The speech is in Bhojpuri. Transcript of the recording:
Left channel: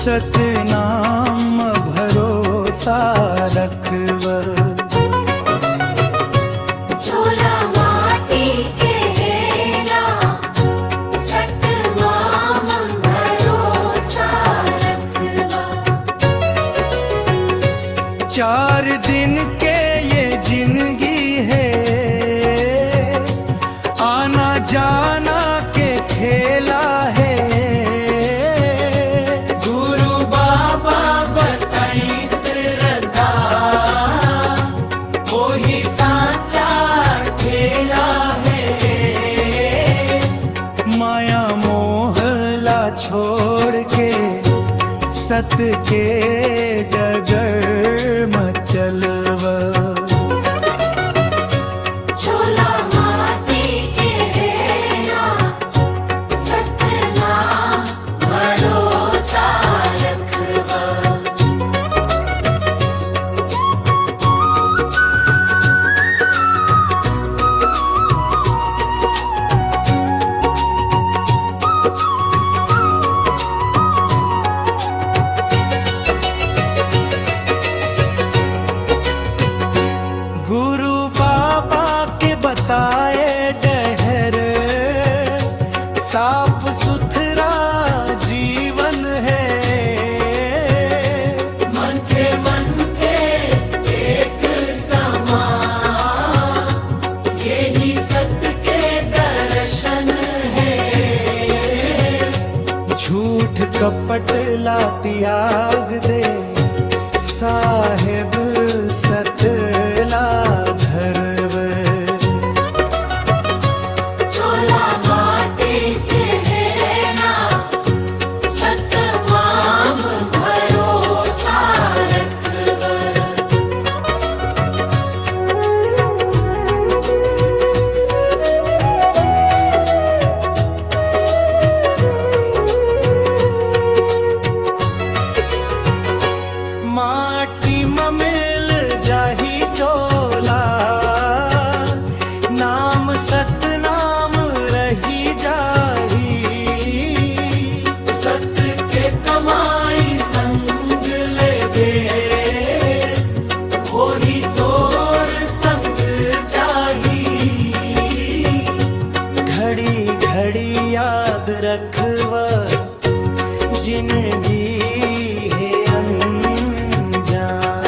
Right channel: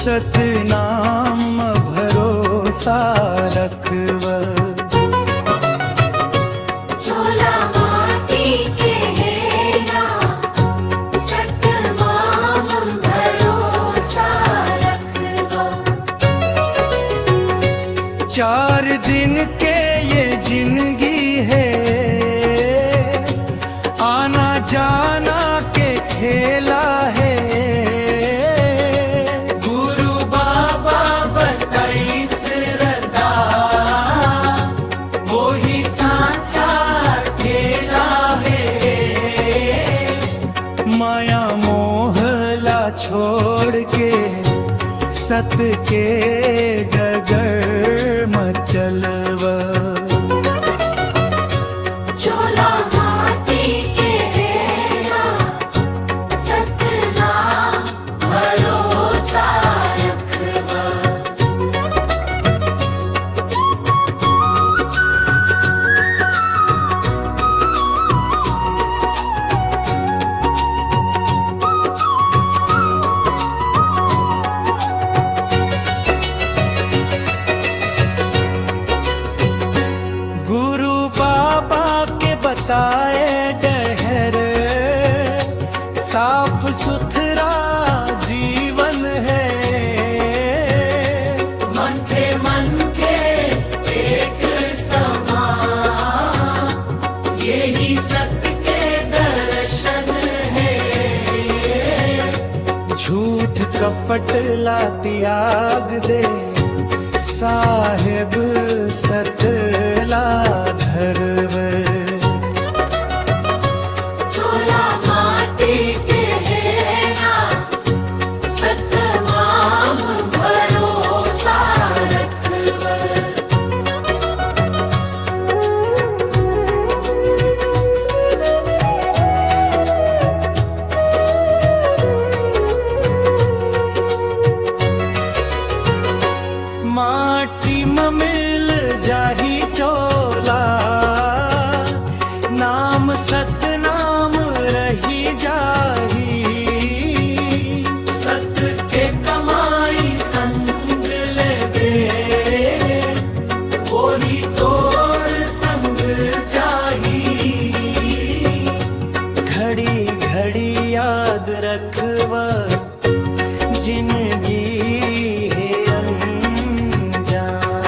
सतनाम भरोसा रखव। झोला माटी के है ना, सतनाम भरोसा रखवा। 4 दिन के ये जिंदगी है, आना जाना के खेला है। गुरु बाबा बताई श्रद्धा, वो ही सांचा ठेला है। माया मोहला छोड़ के सत के गगर मचलव। झोला माटी के है ना, सतनाम भरोसा रखवा। गुरु बाबा के बताए डहर, साफ सुथरा जीवन है। मन के एक समान, यही सत्य के दर्शन है। झूठ कपट ला त्याग दे, साहेब सतला धरव। झोला माटी के है ना, सतनाम भरोसा रखवा। माटी में मिल जाही चोला, नाम सतनाम रही जाही। सत के कमाई संग लेबे, वही तोर संग जाही। घड़ी घड़ी याद रखव, जिंदगी है अनजान।